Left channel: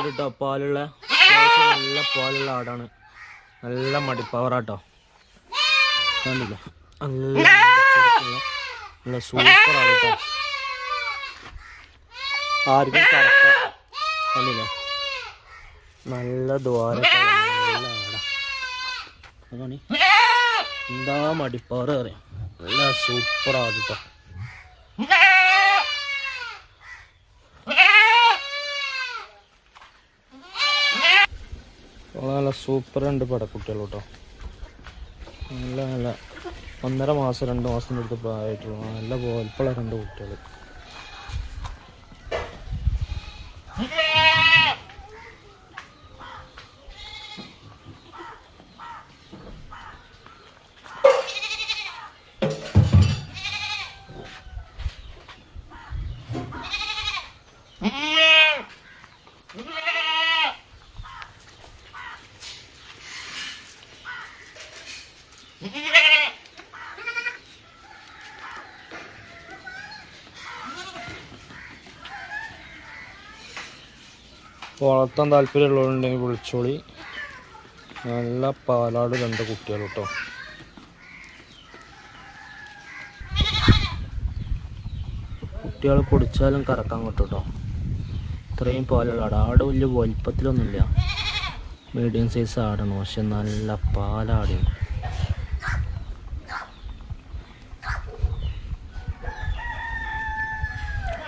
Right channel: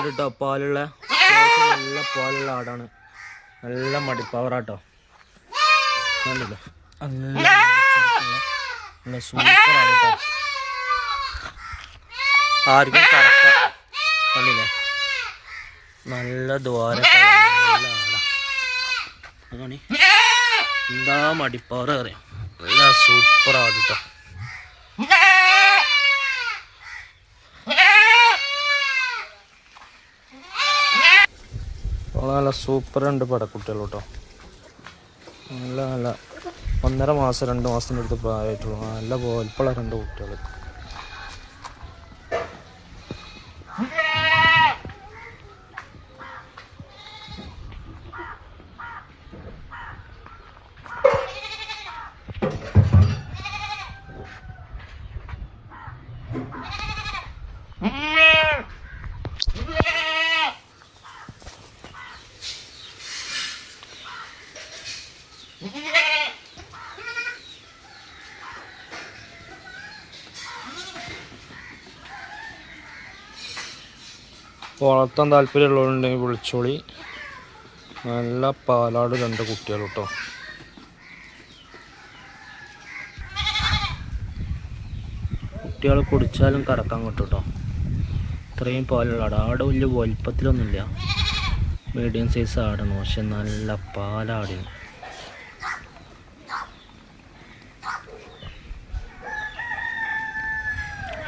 ആട് കേട്ടോ, പാലുള്ള നല്ല പാലുള്ള ആടാണ്. നല്ല മടിപ്പവറാട്ടോ, കണ്ടില്ല? നല്ല സൂപ്പർ ആണ് കേട്ടോ. ആർക്കും കറക്കം കണ്ടില്ലേ? നല്ല ദ്വാരക്ക നല്ല ആടാ. അതാണ് എന്താ മടിപ്പവർ അറിയാം. നല്ല സൂപ്പർ ആട് കേട്ടോ. നല്ല സൂപ്പർ ഉണ്ട് പടക്കുട്ടികൾ കേട്ടോ. നല്ല നല്ല 1.5 മാസം 2 മാസത്തിൻ്റെ അടുത്ത് പ്രായമായിട്ടുള്ളൂ. നല്ല പോൽപ്പുള്ള 2 കുട്ടികൾ. വളർത്താൻ താല്പര്യമുള്ളവരുണ്ടെങ്കിൽ വിളിച്ചോളി. നല്ല പാലാട് 2 കുട്ടികൾ കേട്ടോ. കുട്ടികൾ കുടിച്ചാലും കറക്കാൻ കിട്ടും കേട്ടോ. ഇത്രയും പാലുള്ള ആട് വലിയ വലിപ്പത്തിലൊന്നുമില്ല, മീഡിയം സൈസ് ആടാണ്. പക്ഷെ നല്ല പാലാടിയാണ്.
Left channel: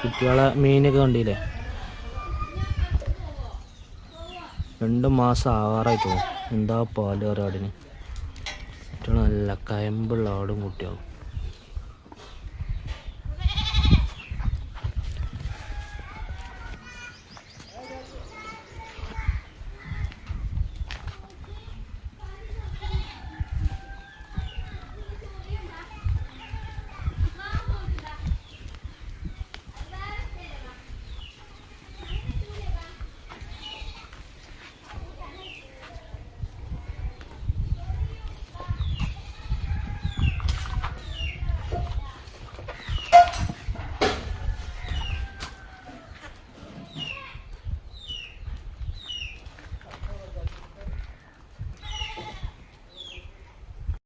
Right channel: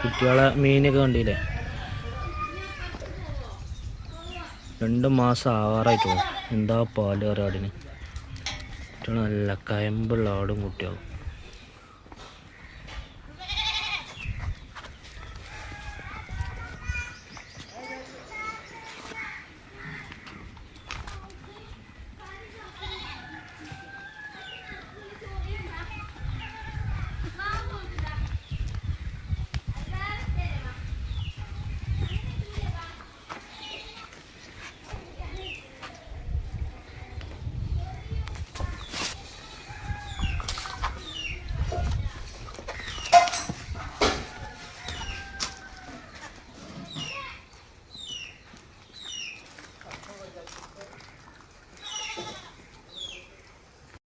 കുട്ടികളെ മീനൊക്കെ കണ്ടില്ലേ? 2 മാസം ആവാറായിട്ട് പോകും. എന്താ പാല് കയറി ആടിന്. നല്ല കയമ്പുള്ള ആടും കുട്ടികളും.